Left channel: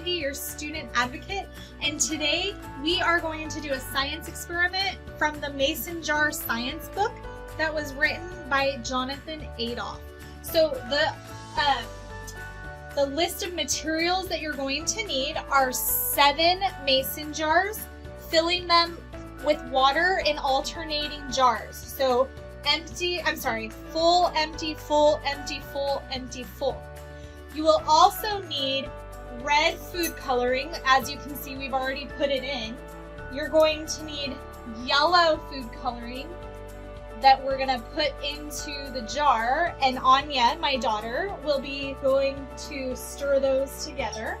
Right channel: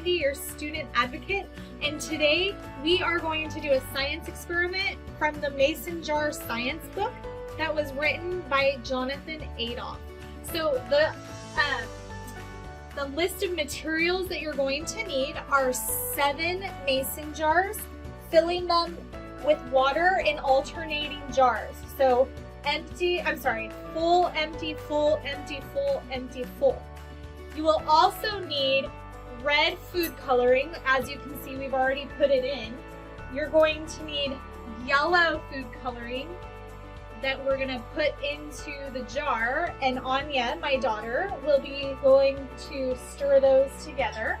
Wendy, your student advocate, and today we are going to do a science experiment from the Mason Jar Science book that was written by Jonathan Adolph. So the list of materials that you're going to need are 7 mason jars, filling them with water in alternating jars. So full, empty, full, empty, full, empty, full. You will also need red food coloring. As you can see, we've already put it in. You're going to need yellow food coloring that we're gonna put into the jar, and Anya, my daughter, will be going to stir those together.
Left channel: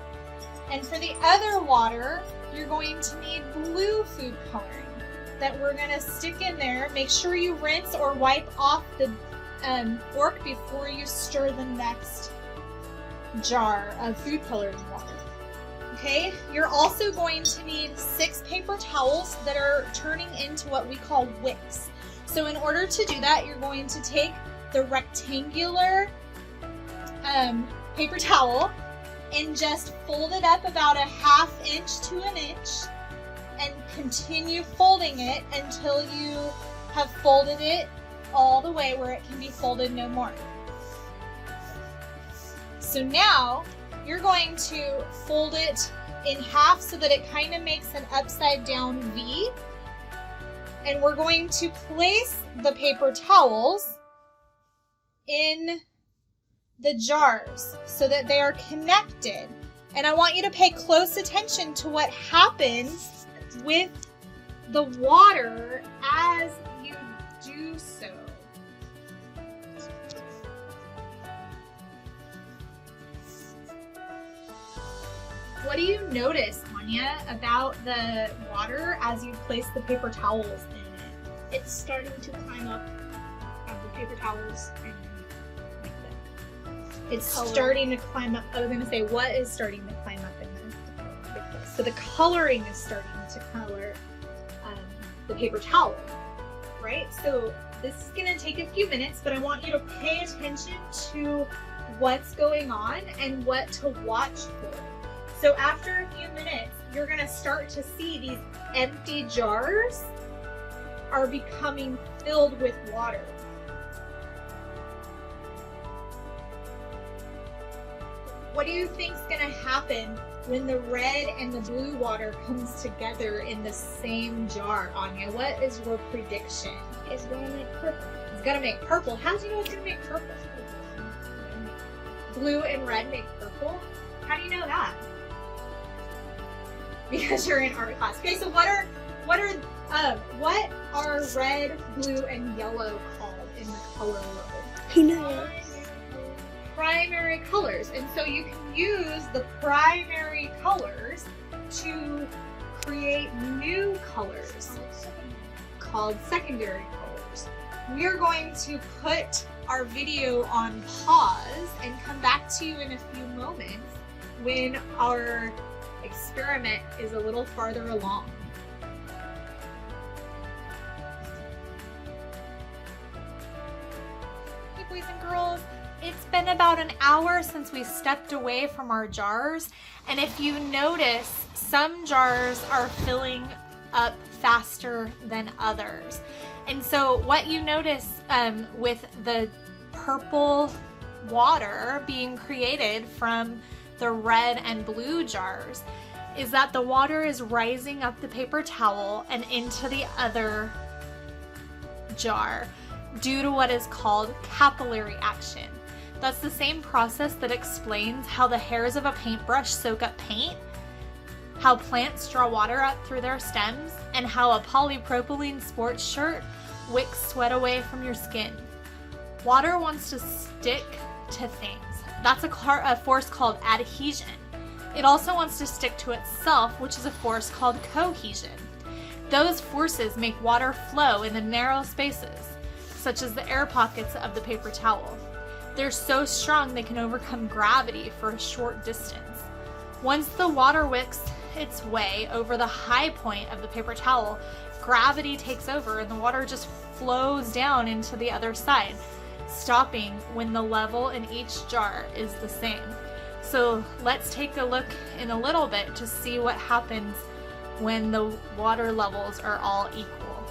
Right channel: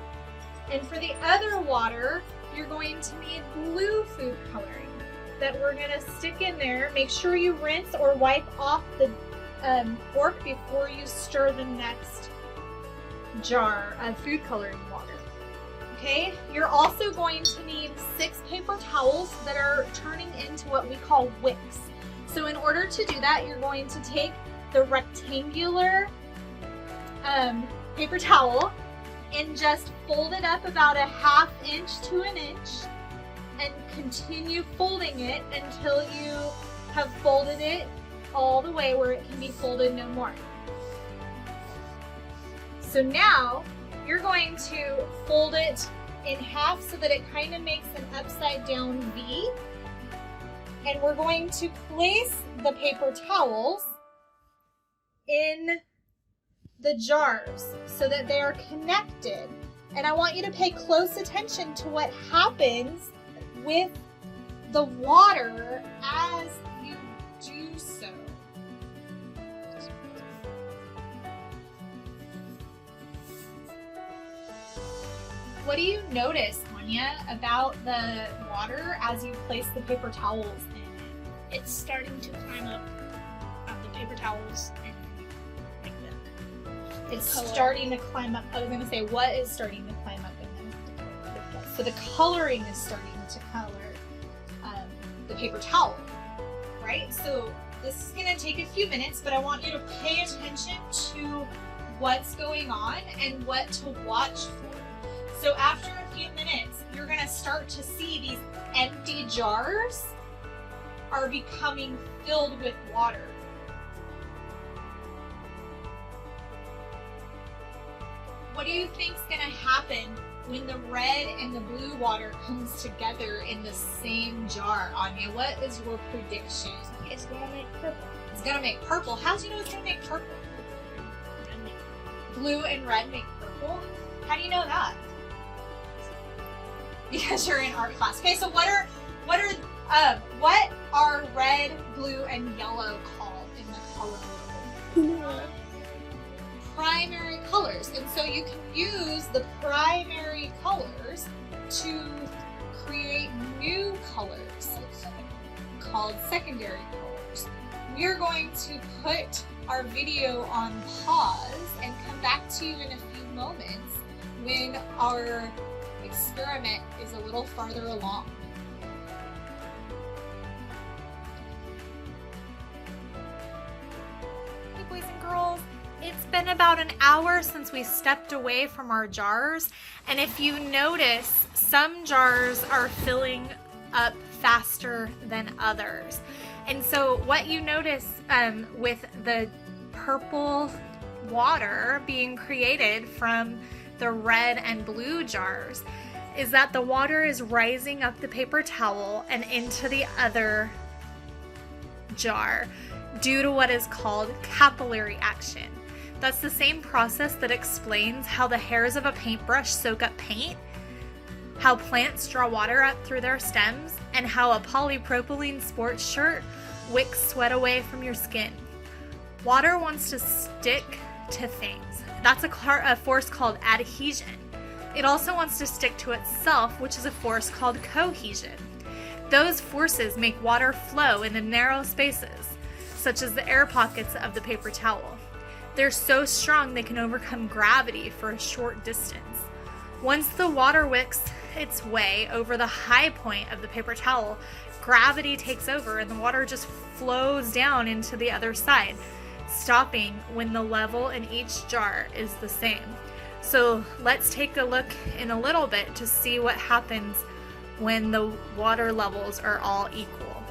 And for the other water, you're going to need blue food coloring that we're gonna stick in there. Make sure you rinse or wipe off the fork before you stir the next jar of food coloring water. Okay, you're also going to need 6 paper towels that are turning into what we call wicks. So in order to do that, you're going to take the rectangular paper towel and just fold it up about a 1/2 inch to an inch and continue folding it until you have folded it all the way where it can be folded no more. So now you're going to fold it in half so that it kind of makes an upside down V. And we're going to place the paper towels in the jars so that they are connected. And I want you to pay close attention to what happens with the water as you do so. What do you notice, Anya, about the water as you place the paper towels in it? It's starting to climb up the paper towels and make the It's color. starting to climb up. I was going to say, what is starting to climb up in this? So the coloring is starting to color the paper towel, right? So this is going to take a few minutes, but I want you to pay attention to what's going on and what to watch for. So after a few minutes, you're going to start to see these empty jars are becoming filled with water. What do you think is going to happen when the red and the blue water comes together in the same jar, Anya? What is your prediction? It's gonna make purple. It's going to make purple. How do you know it's going to make purple? Blue and red make purple? How do you know that? Because you're in art class. Okay, so what are red, blue, and yellow called in the color world? Who knows? Primary colors. And so you can use the primary colors to create new colors called secondary colors. We are going to put our video on pause and come back to you in a few moments when our experiment is a little farther along. Hey boys and girls, it's been about an hour since we stepped away from our jars, and if you notice, some jars are filling up faster than others. And so what you notice with the purple water being created from the red and blue jars is that the water is rising up the paper towel and into the other jar due to what is called capillary action. That's the same process that explains how the hairs of a paintbrush soak up paint, how plants draw water up through their stems, and how a polypropylene sports shirt wicks sweat away from your skin. Water wants to stick to things. That's a force called adhesion. It also wants to stick to itself, which is a force called cohesion. Those forces make water flow in the narrow spaces, such as the air pockets of the paper towel. They're so strong they can overcome gravity for a short distance. Once the water wicks its way over the high point of the paper towel, gravity takes over and the water just flows down into the other side, stopping when the level in each jar is the same. So let's take a look in a little bit to see what happens when the water levels are all equal.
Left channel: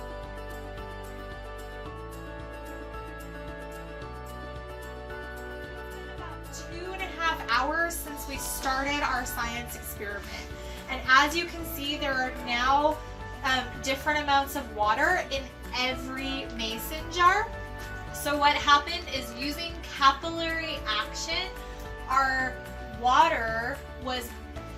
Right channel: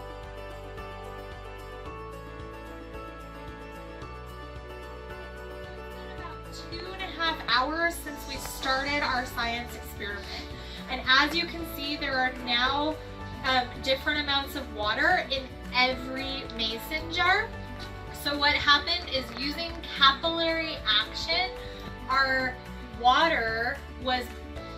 About 2.5 hours since we started our science experiment. And as you can see, there are now different amounts of water in every mason jar. So what happened is, using capillary action, our water was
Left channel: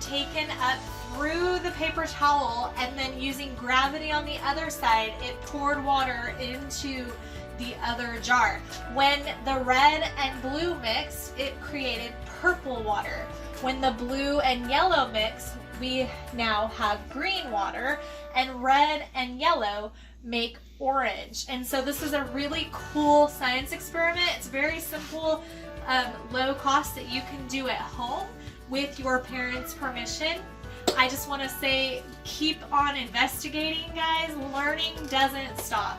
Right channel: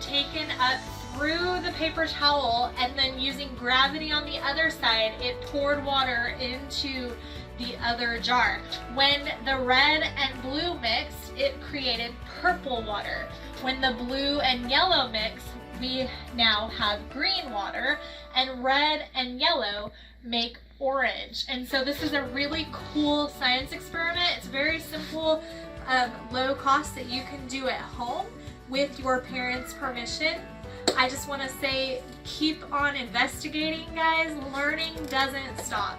taken up through the paper towel, and then using gravity on the other side, it poured water into the other jar. When the red and blue mixed, it created purple water. When the blue and yellow mixed, we now have green water, and red and yellow make orange. And so this is a really cool science experiment. It's very simple, low cost, that you can do at home with your parents' permission. I just want to say, keep on investigating, guys. Learning doesn't stop.